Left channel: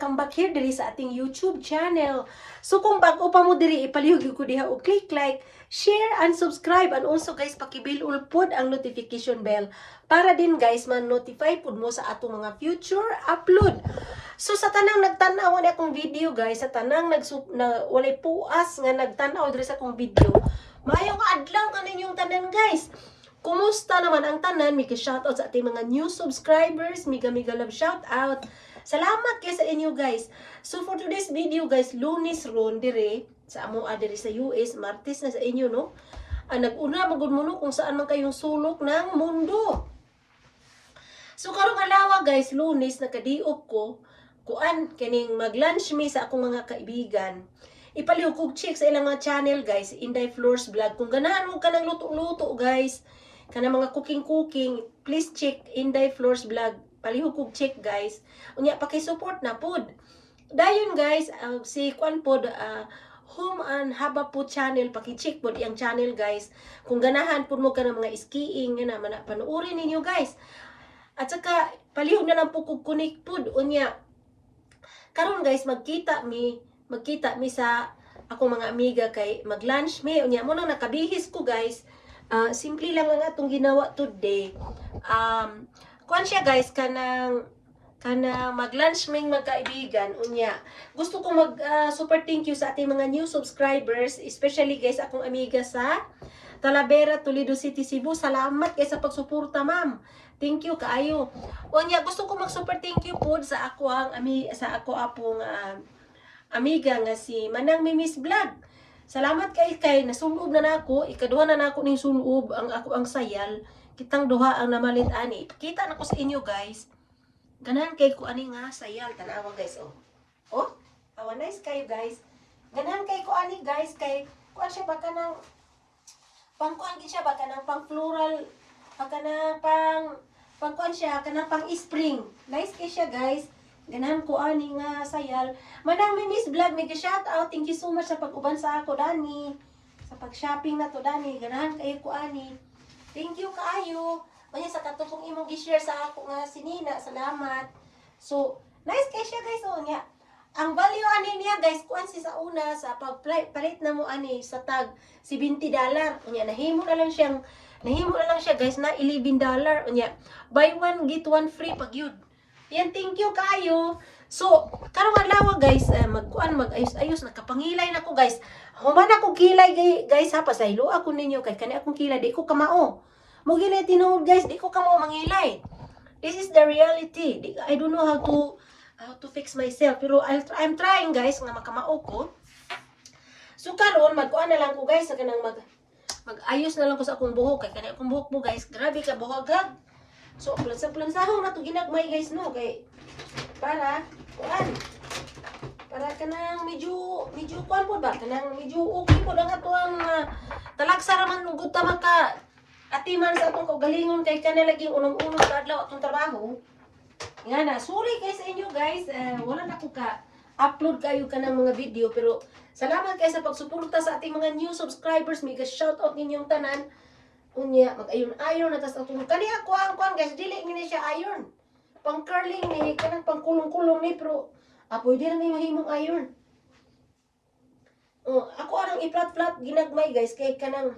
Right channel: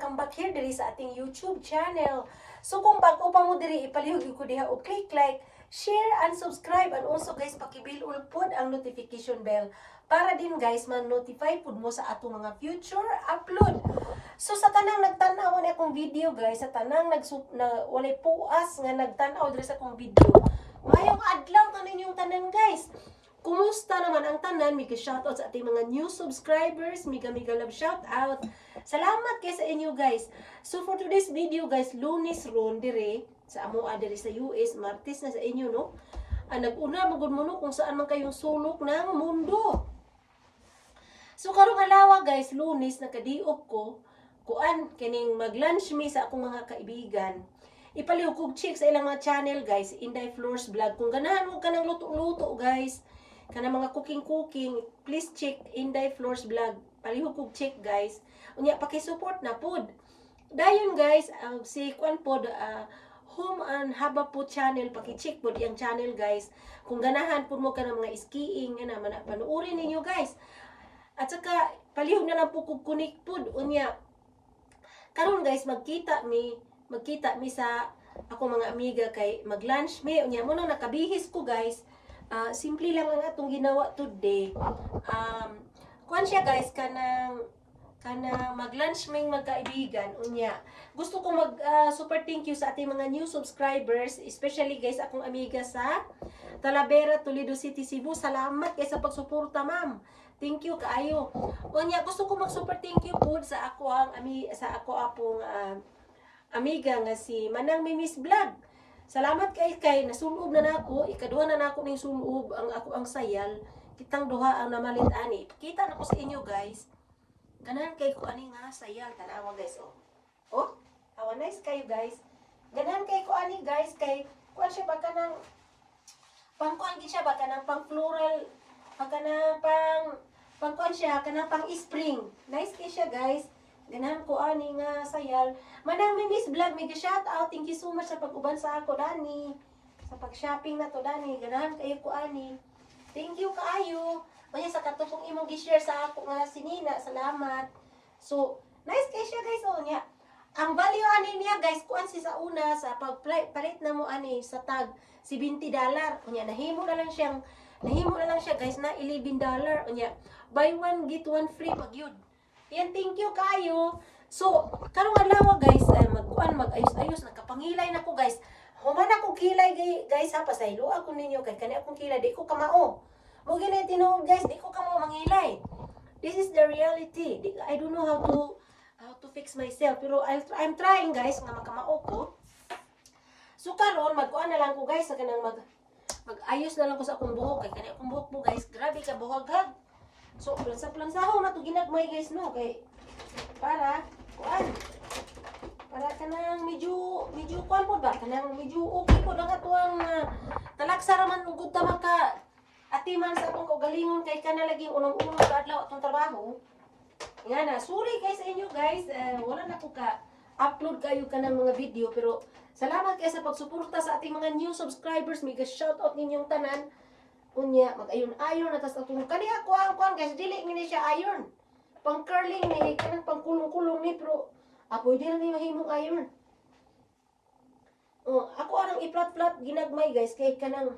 Welcome back here diri sa ating YouTube channel. So kung bago pa mo diri ipalihog ko diha o click like, share and subscribe and also guys pakibil pod ang notification bell para din guys man-notify pud mo sa atong mga future upload. So sa tanang nagtan-aw na akong video guys, sa tanang nag na walay puas nga nagtan-aw diri sa akong video. Maayong adlaw ka ninyong tanan guys. Kumusta naman ang tanan? Mika shoutout sa ating mga new subscribers. Miga miga love shoutout. Salamat kay sa inyo guys. So for today's video guys, lunis ron dire sa amo ah, dire sa US, Martes na sa inyo no. Ah, nag-una magud mo kung saan man kayong sulok ng mundo. So karong alawa guys, lunes nakadiop ko kuan kining mag-lunch me sa akong mga kaibigan. Ipalihog kog check sa ilang mga channel guys, Inday Floors Vlog. Kung ganahan mo ka ng luto-luto guys, kana mga cooking-cooking, please check Inday Floors Vlog. Palihog kog check guys. Unya paki-support na pod. Dayon guys, uh, si kuan pod uh, Home and Haba po channel, paki-check pod iyang channel guys. Kung ganahan pod mo ka ng mga skiing, nga naman, panuorin ninyo guys. At saka, palihog na lang po kog kunik pod. Unya, karon guys, magkita mi, magkita mi sa ako mga amiga kay mag-lunch mi. Unya, mo nang nakabihis ko guys. Ah, simple lang ang atong ginawa today. Um, kuan siya guys kanang kana mag-lunch ming magkaibigan unya. Gusto ko mag ah, super thank you sa ating mga new subscribers, especially guys akong amiga sa Talavera, Toledo City, Cebu. Salamat kay sa pagsuporta, ma'am. Thank you kaayo. Unya, gusto ko mag super thank you po sa ako ang ami sa ako apong ah, amiga nga si Manang Mimis Vlog. Salamat kay kay nasulob na nako, ikaduha na nako ning sulob ang ako ang sayal. Kitang duha ang namalin ani. Kita na ko sa inyo guys. Ganahan kay ko ani nga sayal tanawa guys oh. Oh, awa nice kayo guys. Ganahan kay ko ani guys kay kuan siya baka nang pang kuan gid siya baka nang pang floral baka nang pang pang siya kanang pang spring. Nice kay siya guys. Ganahan ko ani nga sayal. Manang may Miss Vlog, may ka-shout out. Thank you so much sa pag-uban sa ako, Dani. Sa pag-shopping na to, Dani. Ganahan kayo ko, ani. Thank you kaayo. Maya sa katulong imong gi-share sa ako nga sinina. Salamat. So, nice kay siya guys. Oh, nga. Ang value ani niya guys, kuan si sa una sa pagpalit na mo ani sa tag si 20 dollar. Unya nahimo na lang siyang nahimo na lang siya guys na 11 dollar. Unya buy one get one free pag yun. Yan, thank you kayo. So, karong adlaw guys, eh, magkuan mag-ayos-ayos nakapangilay na ko guys. Human ako kilay guys ha pasaylo ako ninyo kay kani akong kilay di ko kamao. Mo gini tinuod guys, di ko kamao mangilay. This is the reality. I don't know how to how to fix myself pero I'll, I'm trying guys nga makamao ko. So karon magkuan na lang ko guys sa kanang mag mag-ayos na lang ko sa akong buhok kay kani akong buhok mo guys. Grabe ka buhok ha. So, sa plansahong na to ginagmay guys no? Kay para kuan para kanang medyo medyo kuan po ba? Kanang medyo okay po lang ato ang uh, talaksa raman gud ta maka atiman sa atong kaugalingon kay kana lagi unong-unong sa adlaw trabaho. Nga na sorry guys sa inyo guys eh, wala na ko ka upload kayo ka ng mga video pero salamat kayo sa pagsuporta sa ating mga new subscribers. May shout out ninyong tanan unya mag-ayon ayon na tas atong kani ako ang kuan guys dili ni siya iron. Pang curling ni kanang pang kulong-kulong ni pero pwede na ni mahimong iron. Oh, ako anang i-flat-flat ginagmay guys kay kanang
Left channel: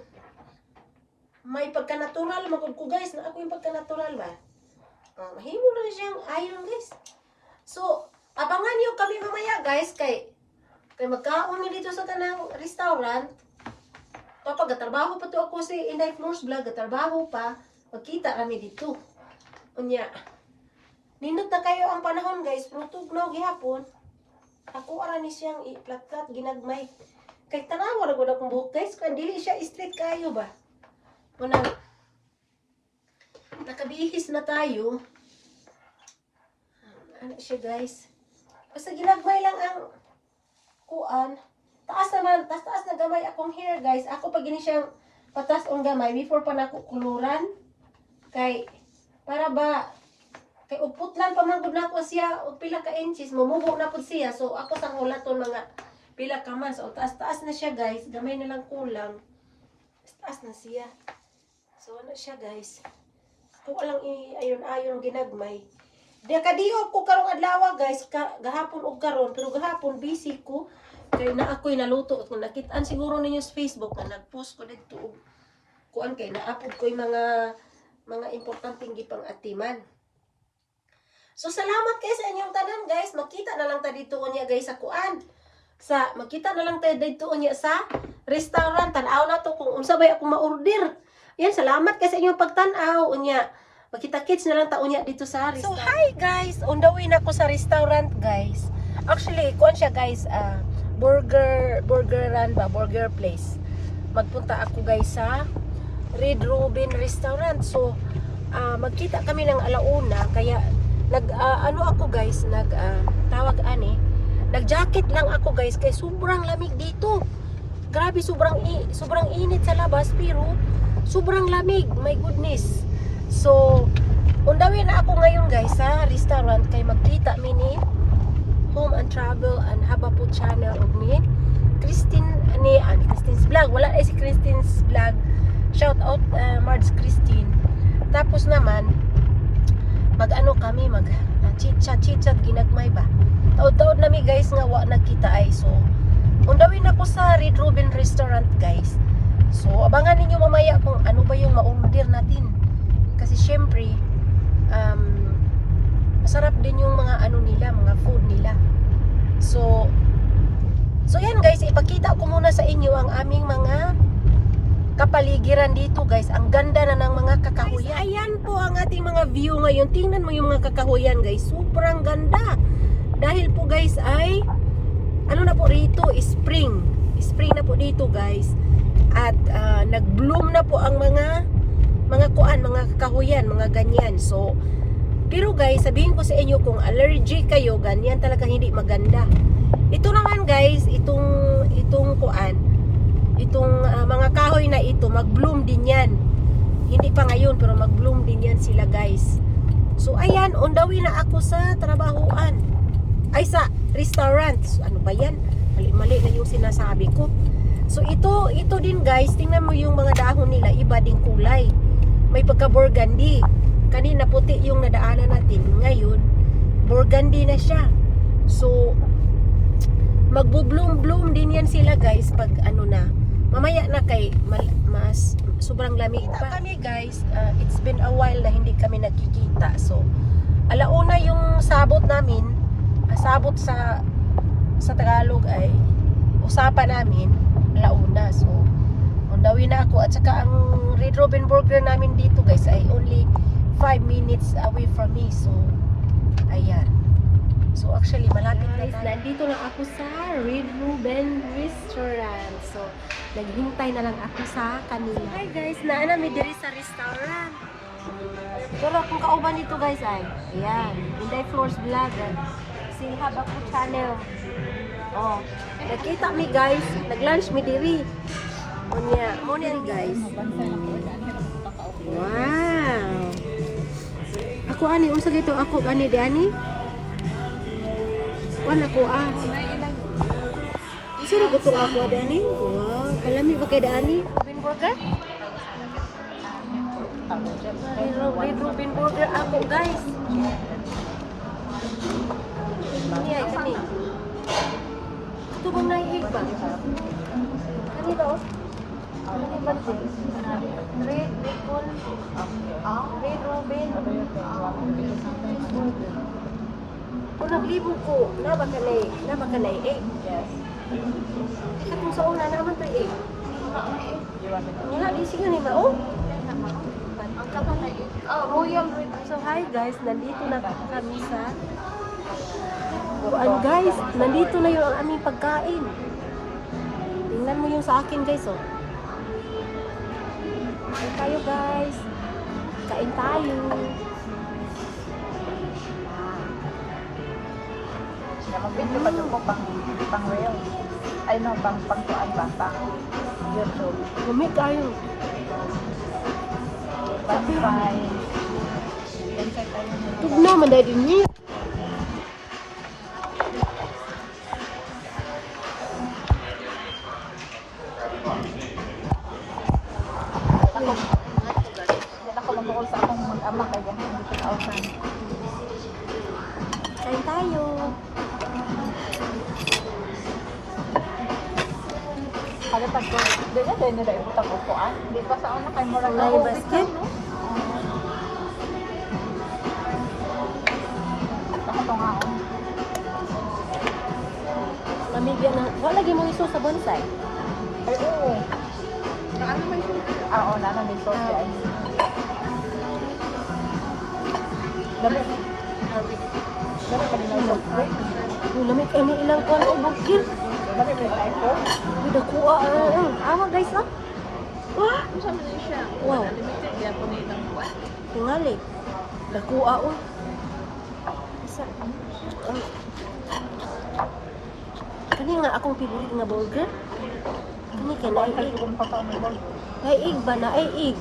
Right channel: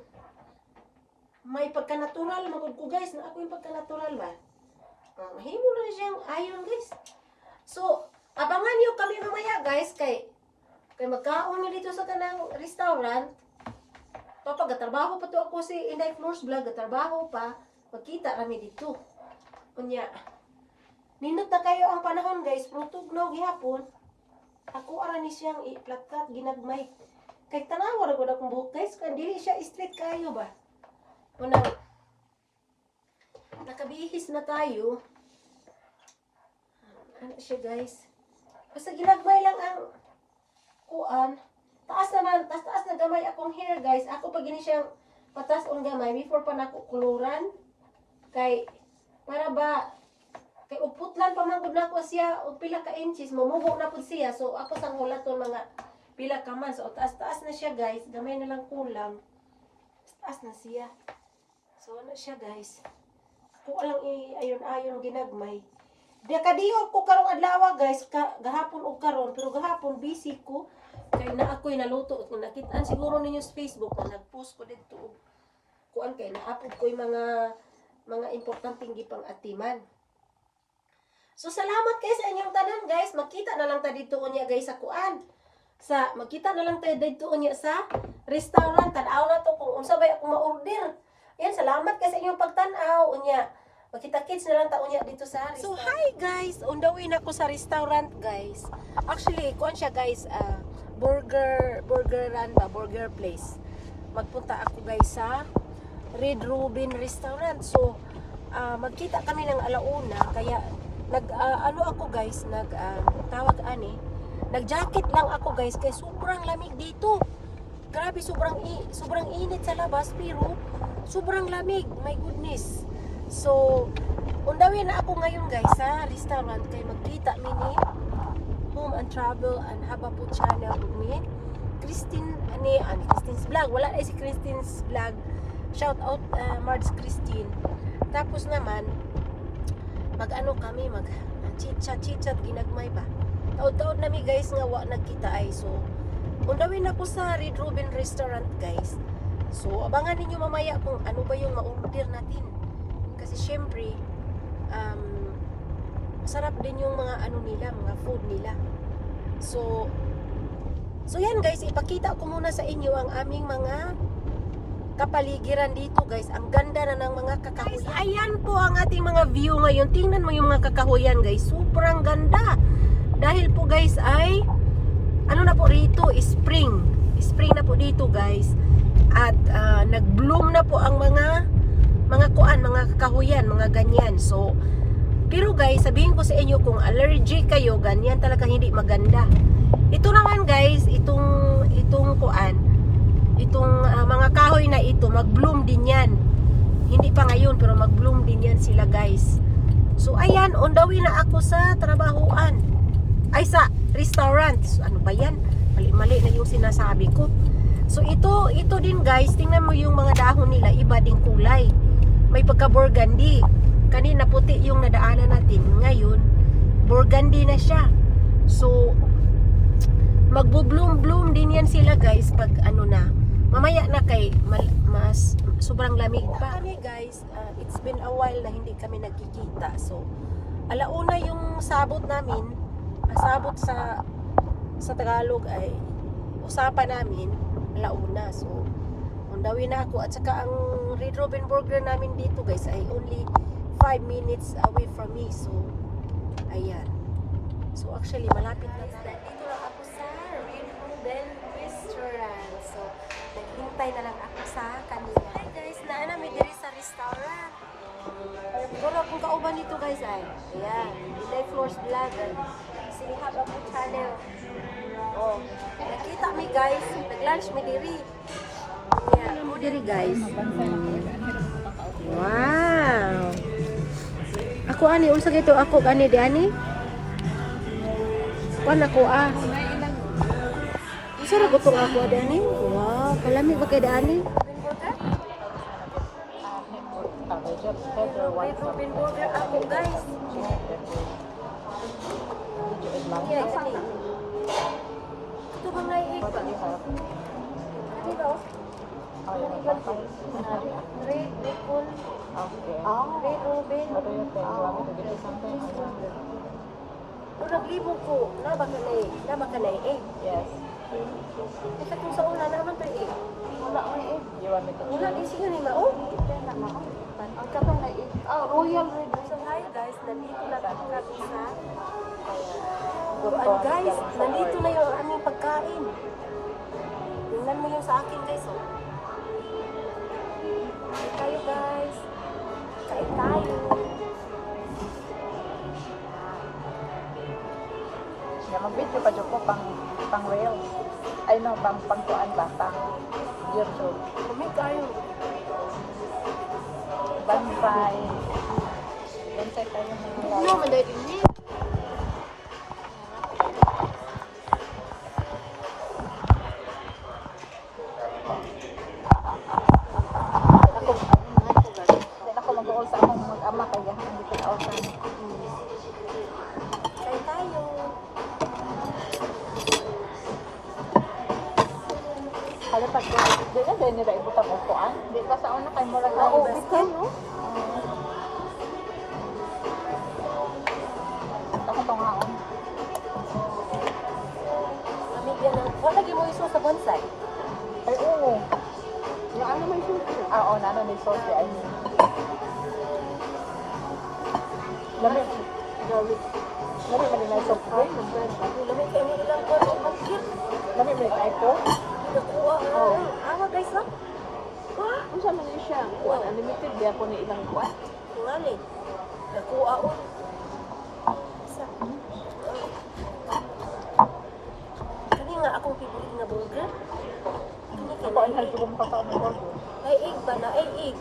may pagka-natural magud guys na ako yung pagka-natural ba? Oh, mahimo na siyang iron guys. So abangan niyo kami mamaya guys kay kay magkaon dito sa kanang restaurant Kapag gatrabaho pa to ako si Inday Floors Vlog, gatrabaho pa, magkita kami dito. Unya, nindot na kayo ang panahon guys, pero tugnaw gihapon, ako ara ni siyang i-plat-plat, ginagmay. Kay tanawa na gud akong buhok guys, kung dili siya straight kayo ba. Unang, nakabihis na tayo. Ano siya guys. Basta ginagmay lang ang kuan. Taas naman, taas taas na gamay akong hair guys. Ako pag gini siyang patas ang gamay before pa nako kuluran. Kay para ba kay uputlan pa man gud nako siya og pila ka inches mamubo na pud siya. So ako sang ulaton mga pila ka man. So taas taas na siya guys. Gamay na lang kulang. Taas na siya. So ano siya guys. alang i ayon ayon ginagmay. Di kadiyot ko karong adlaw guys, gahapon og karon pero gahapon busy ko kay na ako'y naluto at nakitaan siguro ninyo sa Facebook na nag-post ko dito kuan kay naapod ko yung mga mga importanteng gipang atiman. So salamat kay sa inyong tanan guys. Makita na lang ta dito unya guys sa kuan. Sa makita na lang ta dito unya sa restaurant. Tan-aw na to kung unsa bay ako ma-order. Yan, salamat kay sa inyong pagtan-aw unya. Makita-kits na lang ta unya dito sa restaurant. So hi guys, on the way na ako sa restaurant guys. Actually, kuan siya guys, ah, burger ba, burger place. Magpunta ako guys sa Red Ruben Restaurant. So, ah, magkita kami ng alauna kaya nag ah, ano ako guys, nag ah, tawag ani, nag-jacket lang ako guys kay sobrang lamig dito. Grabe sobrang sobrang init sa labas pero sobrang lamig. My goodness. So, undawin na ako ngayon guys sa restaurant kay magkita mi ni Home and Travel and Haba po channel og ni Christine ni an Christine's vlog. Wala na si Christine's vlog. Shout out uh, Marge Christine. Tapos naman mag-ano kami mag uh, chit-chat chit-chat ginagmay ba. Taod-taod nami guys nga wa nagkita ay so undawin ako sa Red Ruben Restaurant guys. So abangan ninyo mamaya kung ano ba yung ma-order natin. Kasi syempre um, masarap din yung mga ano nila, mga food nila. So, so yan guys, ipakita ko muna sa inyo ang aming mga kapaligiran dito guys. Ang ganda na ng mga kakahuyan. Guys, ayan po ang ating mga view ngayon. Tingnan mo yung mga kakahuyan guys. Sobrang ganda. Dahil po guys ay, ano na po rito, spring. Spring na po dito guys. At ah, nag-bloom na po ang mga mga kuan, mga kakahuyan, mga ganyan. So, pero guys, sabihin ko sa inyo kung allergic kayo, ganyan talaga hindi maganda. Ito naman guys, itong itong kuan, itong ah, mga kahoy na ito, mag-bloom din yan. Hindi pa ngayon, pero mag-bloom din yan sila guys. So ayan, on the way na ako sa trabahoan. Ay sa restaurant. So, ano ba yan? Mali-mali na yung sinasabi ko. So ito, ito din guys, tingnan mo yung mga dahon nila, iba ding kulay. May pagka-burgundy. Kanina puti yung nadaanan natin. Ngayon, burgundy na siya. So, magbo-bloom-bloom din yan sila guys pag ano na. Mamaya na kay mal- mas sobrang lamig pa. Kami guys, uh, it's been a while na hindi kami nagkikita. So, alauna yung sabot namin, ah, sabot sa sa Tagalog ay usapan namin alauna. So, on the way na ako at saka ang Red Robin Burger namin dito guys ay only 5 minutes away from me. So, ayan. So, actually, malapit na tayo. Nandito na ako sa Red Ruben Restaurant. So, naghintay na lang ako sa kanila. Hi guys, naana mi diri sa restaurant. Pero kung kauban dito guys ay, ayan, Inday Floors Vlogger. Si Haba ko channel. Oh, nakita mi guys, nag-lunch mi diri. Unya, mo diri guys. Wow. Ako ani unsa gito ako ani di ani? Kuan ako ah. Unsa ra gutong ako di ani? Wow, kalami ba kay di ani? Rubin burger? Red, Red Rubin burger ako guys. Yan, kani? Ito bang naihig ba? Kani oh? Kani ba din? Red bacon. Ah, Red Robin. Ah. Kung naglibo ko, na eh. Ka na eh. eh. Kasi kung sa una naman to eh. Wala, di sige ni Mao. Ang kapal na eh. Royal Red. So hi guys, nandito na kami sa Kuan guys, nandito na yung aming pagkain. Tingnan mo yung sa akin guys oh. Tayo guys. ใส่ตาอยู่ไอ้น้องบางบางตัม่ไก่ mandarin niya. Wala lagi mo iso sa bonsai. Ilang pa? Yung lamig ay may ilang kuwan ang bukid. Yung dakuha. ah. Awa guys ah. Wah! Wow. Limited di ako na ilang buwan. Tingali. Dakuha o. Isa. Ah. Kani nga akong favorite nga burger. Kani kay naig. Naig ba? Naig.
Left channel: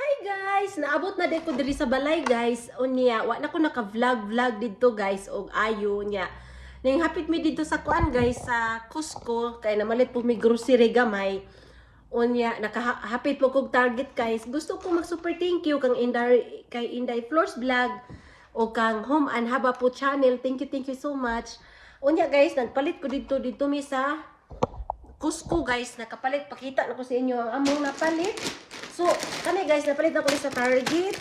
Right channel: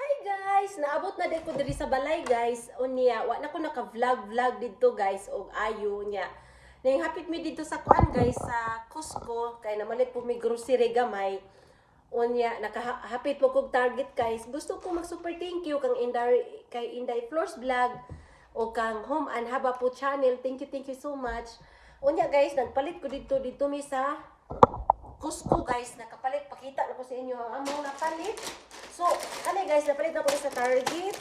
Hi guys! Naabot na din ko diri sa balay guys. Unya, wa na ko naka-vlog vlog dito guys og ayo nya. Ning hapit mi dito sa kuan guys sa Costco kay namalit po mi grocery gamay. Unya, nakahapit po kog target guys. Gusto ko mag super thank you kang Inday kay Inday Floors Vlog o kang Home and Haba po channel. Thank you, thank you so much. Unya guys, nagpalit ko dito dito mi sa Cusco guys, nakapalit. Pakita na ko sa inyo ang among napalit. So, kani guys, napalit na ko sa Target.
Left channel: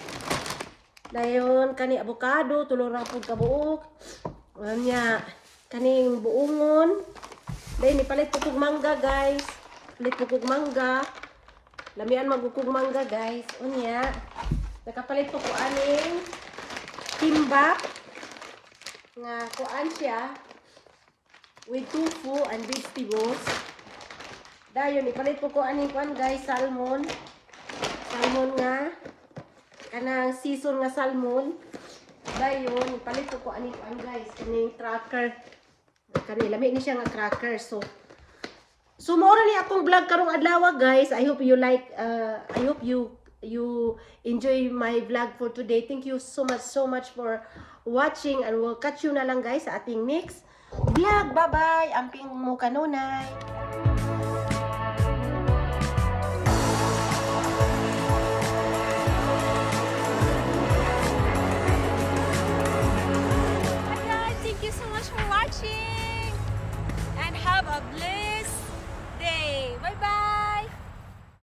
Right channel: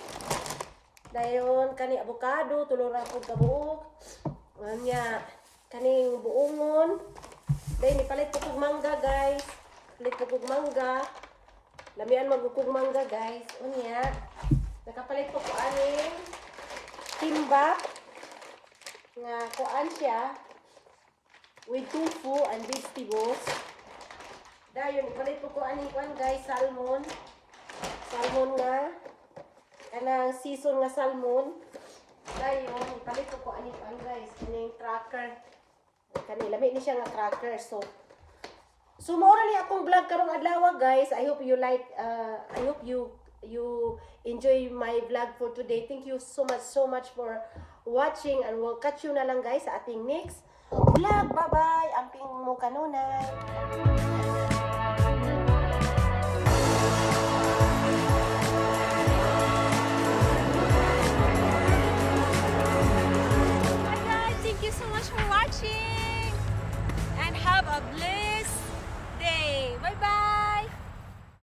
Dayon, kani avocado, tulurang po kabuok. Anya, kani yung buungon. Dayon, nipalit po kog mangga guys. Palit po kog mangga. Lamian magukog mangga guys. Unya, nakapalit po ko aning timbak. Nga, kuan siya with tofu and vegetables. Dayon, ipalit po ko aning kwan guys, salmon. Salmon nga. Kanang season nga salmon. Dayon, ipalit ko aning kwan guys, kaning cracker. Kani, lami ni siya nga cracker. So, So mo ni akong vlog karong adlaw guys. I hope you like uh, I hope you you enjoy my vlog for today. Thank you so much so much for watching and we'll catch you na lang guys sa ating next vlog. Bye-bye. Amping mo kanunay. Much for watching and have a bye.